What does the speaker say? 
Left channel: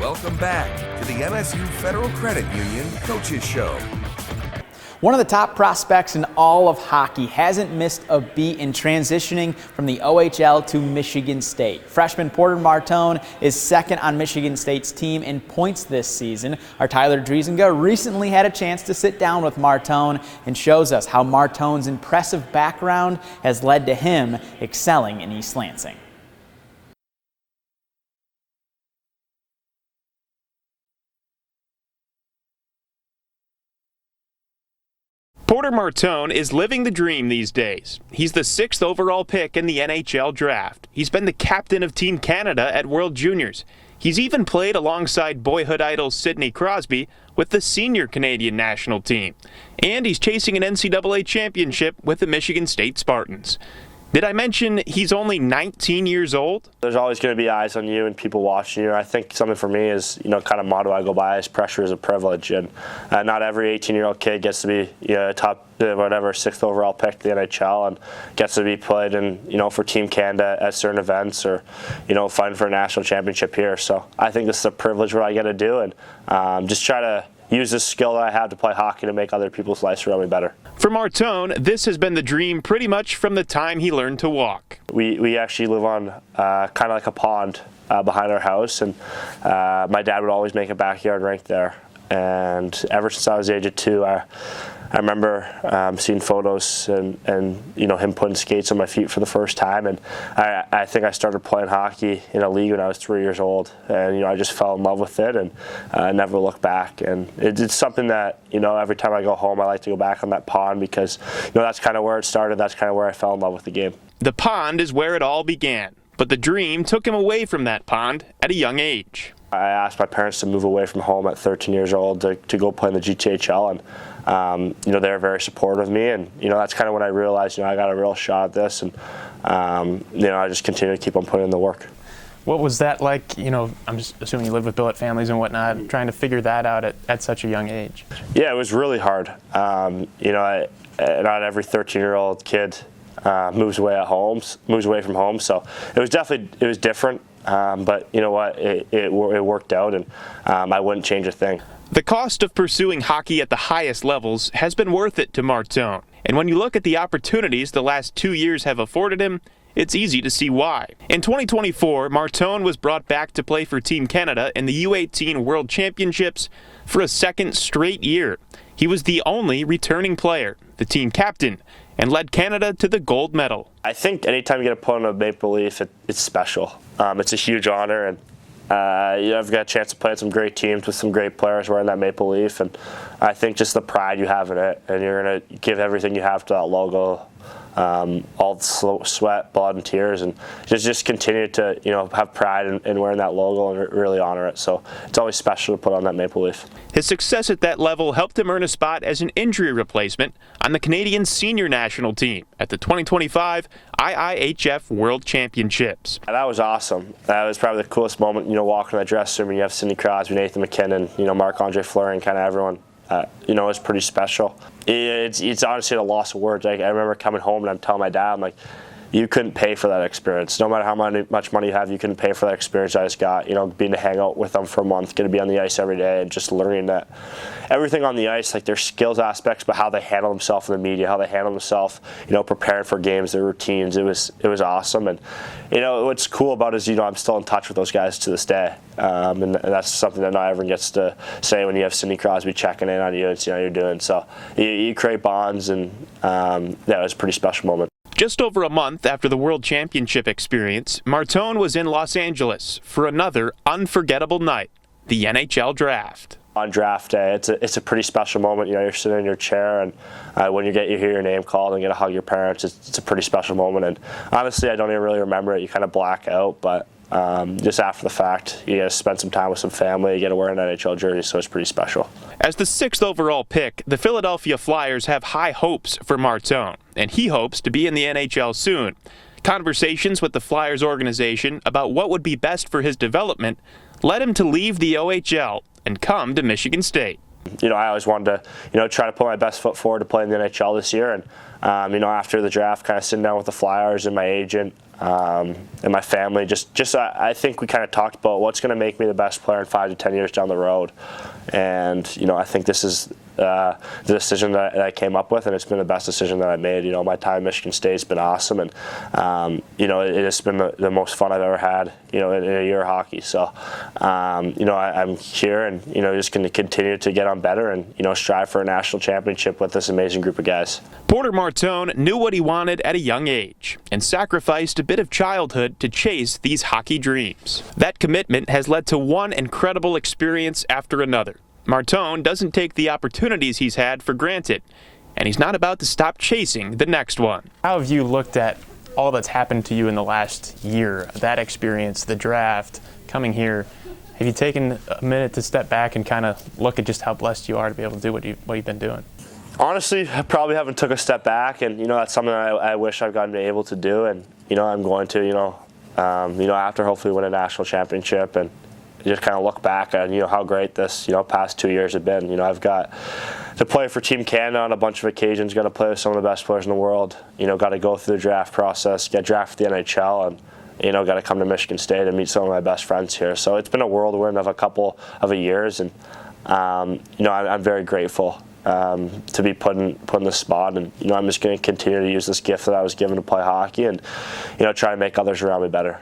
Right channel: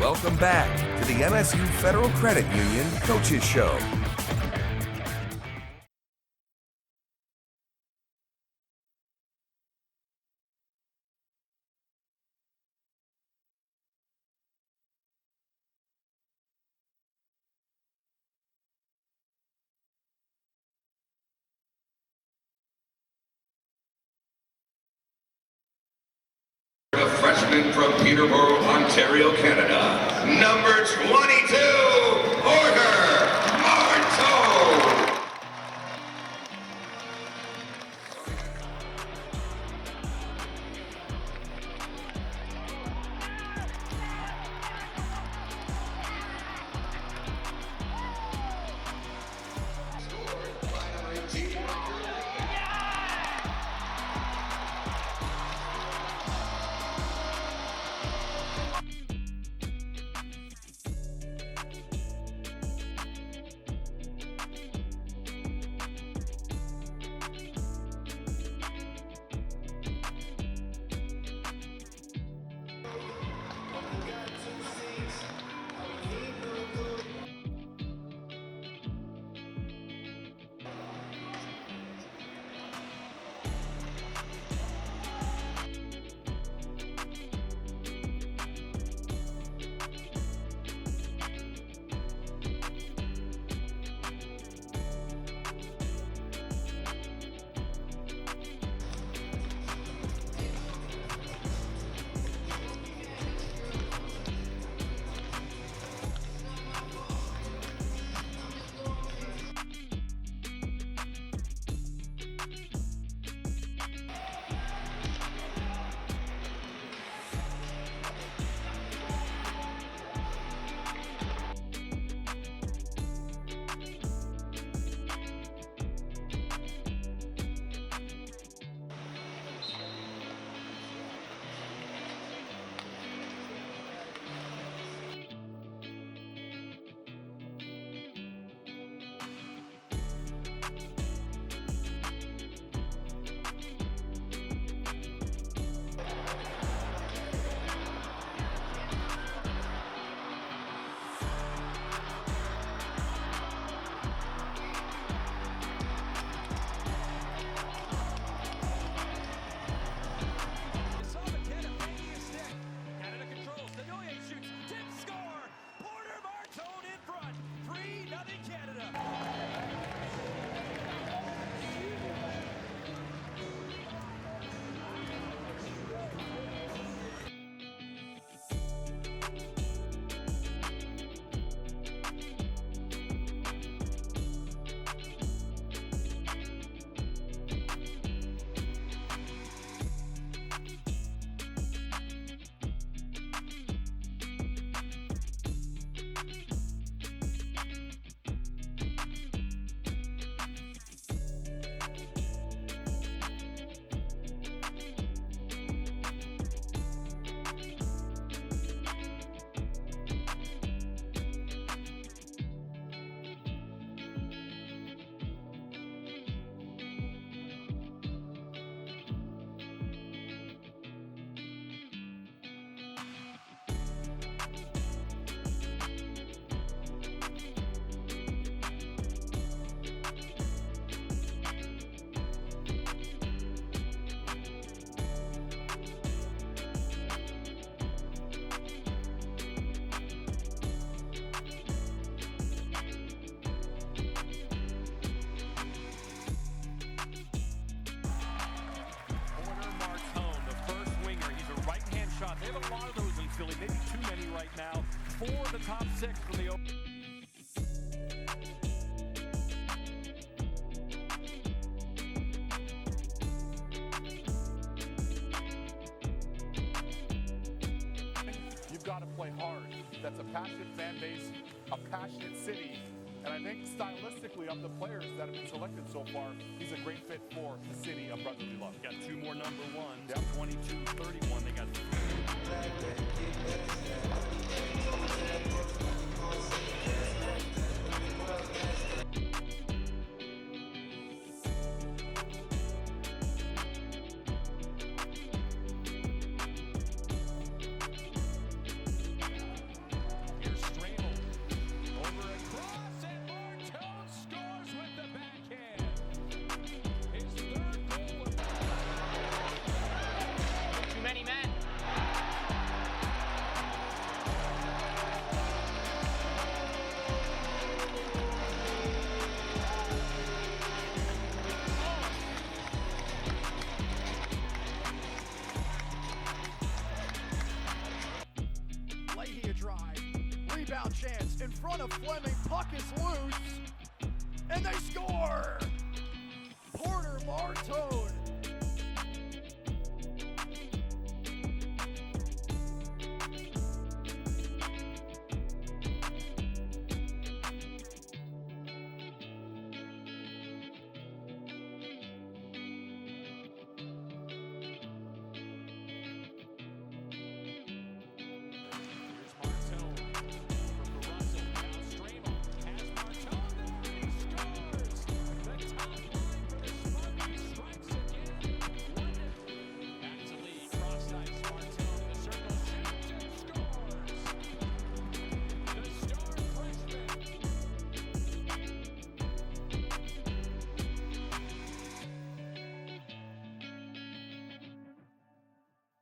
Welcome back to the MSU Federal Credit Union Coaches Show. One of the top prospects in all of hockey hasn't missed a beat in transitioning from the OHL to Michigan State. Freshman Porter Martone is second on Michigan State's team in points this season. Our Tyler Driesinga recently had a chance to sit down with Martone and shows us how Martone's impressive background has led to him excelling in East Lansing. A freshman from Peterborough, Ontario, Canada, number 22, Porter Martone is living the dream these days. He's the 6th overall pick in the NHL draft. He's been the captain of Team Canada at World Juniors. He's even played alongside boyhood idol Sidney Crosby with the senior Canadian national team. And he's chasing an NCAA championship with the Michigan State Spartans. Did I mention he's only 19 years old? There's always going to be eyes on you and people watching you. I think something for me is, kind of motto I go by is pressure is a privilege. And not every 18-year-old kid gets to be a top, 6th overall pick in the NHL and gets to be played in, for Team Canada at certain events or, fighting for a national championship here. So I think this is a privilege what I get to do and just try to use this skill that I have to play hockey to make other people's lives around me better. For Martone, this has been the dream pretty much from the time he learned to walk. We actually live on kind of like a pond behind our house, and my dad would always make a backyard rink there. And ever since I was the age of 2, I remember seeing photos and him putting skates on my feet for the first time, and I think I started playing hockey in a league when I was 3 years old, and I just fell in love with it and never looked back. And it's something that every time I go home I like to go back on that pond because that's kind of where it started. That's kind of where I fell in love with the game. The pond is where it all began, but the dream took him away from that pond at a young age. I asked my parents to move away from home at 13 years old to go play in the GTHL, and they were very supportive of me, and that's kind of when I realized I got a real shot at this, and I just continue to keep on putting in the work. What was that like? I'm just assuming you live with billet families and whatnot, trying to figure that out at such a young age. Yeah, it was really hard. Not every 13-year-old kid moves away from home, so it was different. But you know what? It worked out, and I wouldn't change a thing. The cost of pursuing hockey at the highest levels has been worth it to Martone. And when you look at the opportunities the last 2 years have afforded him, it's easy to see why. In 2024, Martone was brought back to play for Team Canada in the U18 World Championships for a second straight year. He was the only returning player, the team captain, and led Canada to the gold medal. I think anytime you get a put on a Maple Leaf, it's special. It's a huge honor, and I've got a chance to play with some great teams with some great players wearing that Maple Leaf, and I think just the pride you have in it, and you're going to give everything you have to that logo, all the sweat, blood, and tears, and just continue to have pride in wearing that logo and really honor it. So it's always special to put on that Maple Leaf. His success at that level helped him earn a spot as an injury replacement on the Canadian senior national team at the 2025 IIHF World Championships. And that was awesome. That was probably the coolest moment, walking from that dressing room and you have Sidney Crosby, Nathan McKinnon, Marc-Andre Fleury, and kind of everyone. It was pretty special. It's honestly a loss of words. I remember coming home and I'm telling my dad, I'm like, you couldn't pay for that experience. No matter how much money you have, you couldn't pay for that experience I just got. Being to hang out with them for a month, going to be on the ice every day, and just learning that everything on the ice, like their skills aspects, but how they handle themselves in the media, how they handle themselves, preparing for games, their routines. It was awesome. And what's cool about it is I'm still in touch with those guys to this day, and that's something that not everyone gets to say when you have Sidney Crosby checking in on you and see how you're doing. So you create bonds, and it was a pretty special moment. Just over a month after the World Championship experience, Martone was in Los Angeles for another unforgettable night, the NHL Draft. On draft day, it's a pretty special moment. You're sitting in your chair, and when you hear your name called and get to hug your parents, it's a pretty special moment. And honestly, I don't even really remember it. You kind of black out, but just after the fact, you get to spend some time with some family. You get to wear an NHL jersey, so it's pretty special. As the 6th overall pick, the Philadelphia Flyers have high hopes for Martone, and he hopes to be in the NHL soon. Conversations with the Flyers organization about what would be best for his development led him to leave the OHL and come to Michigan State. You know, I always wanted to, you know, try to put my best foot forward to play in the NHL this year. And, you know, after the draft, kind of sitting down with the Flyers and my agent and my family, I think we kind of talked about what's going to make me the best player in 5 to 10 years down the road. And, you know, I think this is the decision that I came up with, and it's been the best decision that I made. You know, my time at Michigan State has been awesome, and, you know, it has been the most fun I've ever had, you know, in a year of hockey. So, you know, I'm here and, you know, just going to continue to get on better and, you know, strive for a national championship with this amazing group of guys. Porter Martone knew what he wanted at a young age and sacrificed a bit of childhood to chase these hockey dreams. That commitment has led to one incredible experience after another. Martone doesn't take the opportunities he's had for granted, and he's not about to stop chasing the next one. How have you looked at all that's happened to you in the last year, that experience, the draft, coming here? Have you taken a minute to step back and kind of look at just how blessed you are to be able to do what you've been doing? Honestly, I probably haven't took a step back, and, you know, that's something I wish I've gotten able to do, and, you know, I'm going to, you know, after hopefully win a national championship, and just kind of look back at, you know, how great this, you know, past 2 years have been. You know, I've got to play for Team Canada on a bunch of occasions, got to play with some of the best players in the world, you know, got to go through the draft process, get drafted to the NHL, and, you know, got to come to Michigan State and meet some of my best friends here. So it's been a whirlwind of a couple of years, and you know, I'm very grateful to be put in this spot, and, you know, I'm just going to continue to use this gift that I was given to play hockey and, you know, try to make others around me better.